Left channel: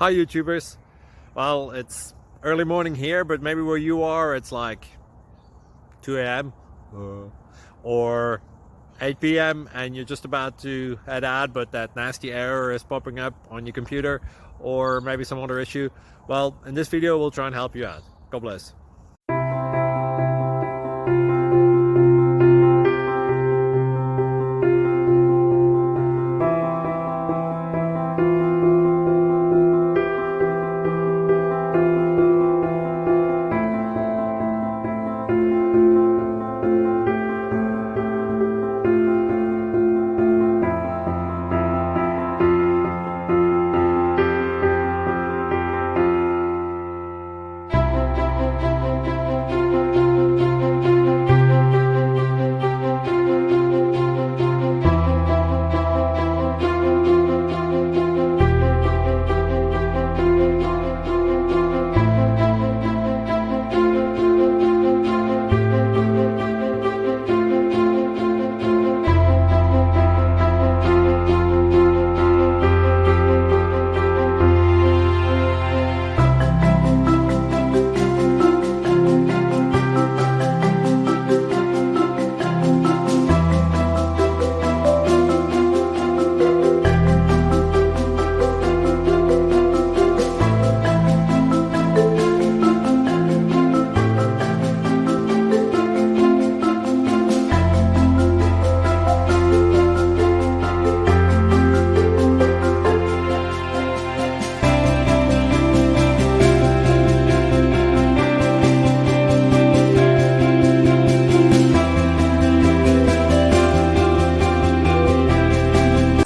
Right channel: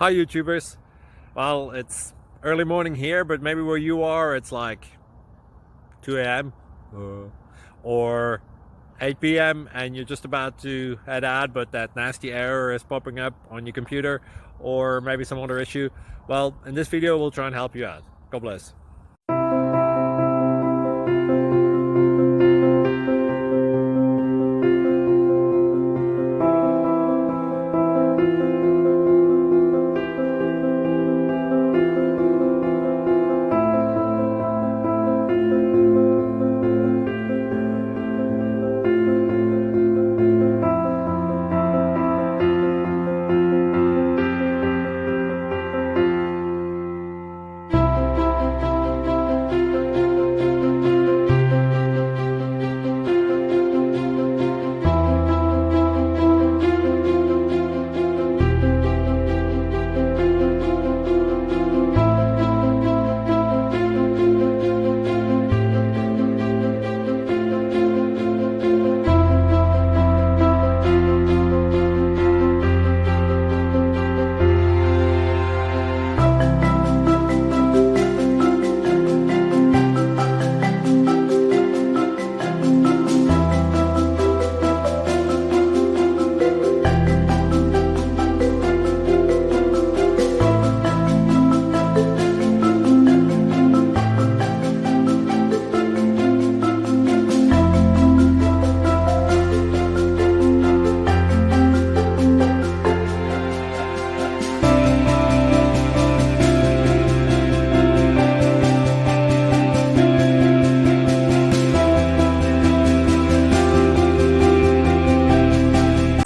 Hi YouTubers. Well, it's early morning here, but maybe where you are it's like 2 a.m. or 8 p.m. and you're just about to head out, but that nasty error is popping up on your computer, or maybe some other issue. Well, in this video we'll try and help you out. God bless.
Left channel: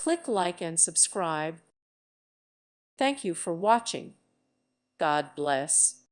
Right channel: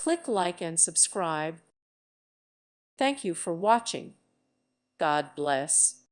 Click like and subscribe. Thank you for watching. God bless.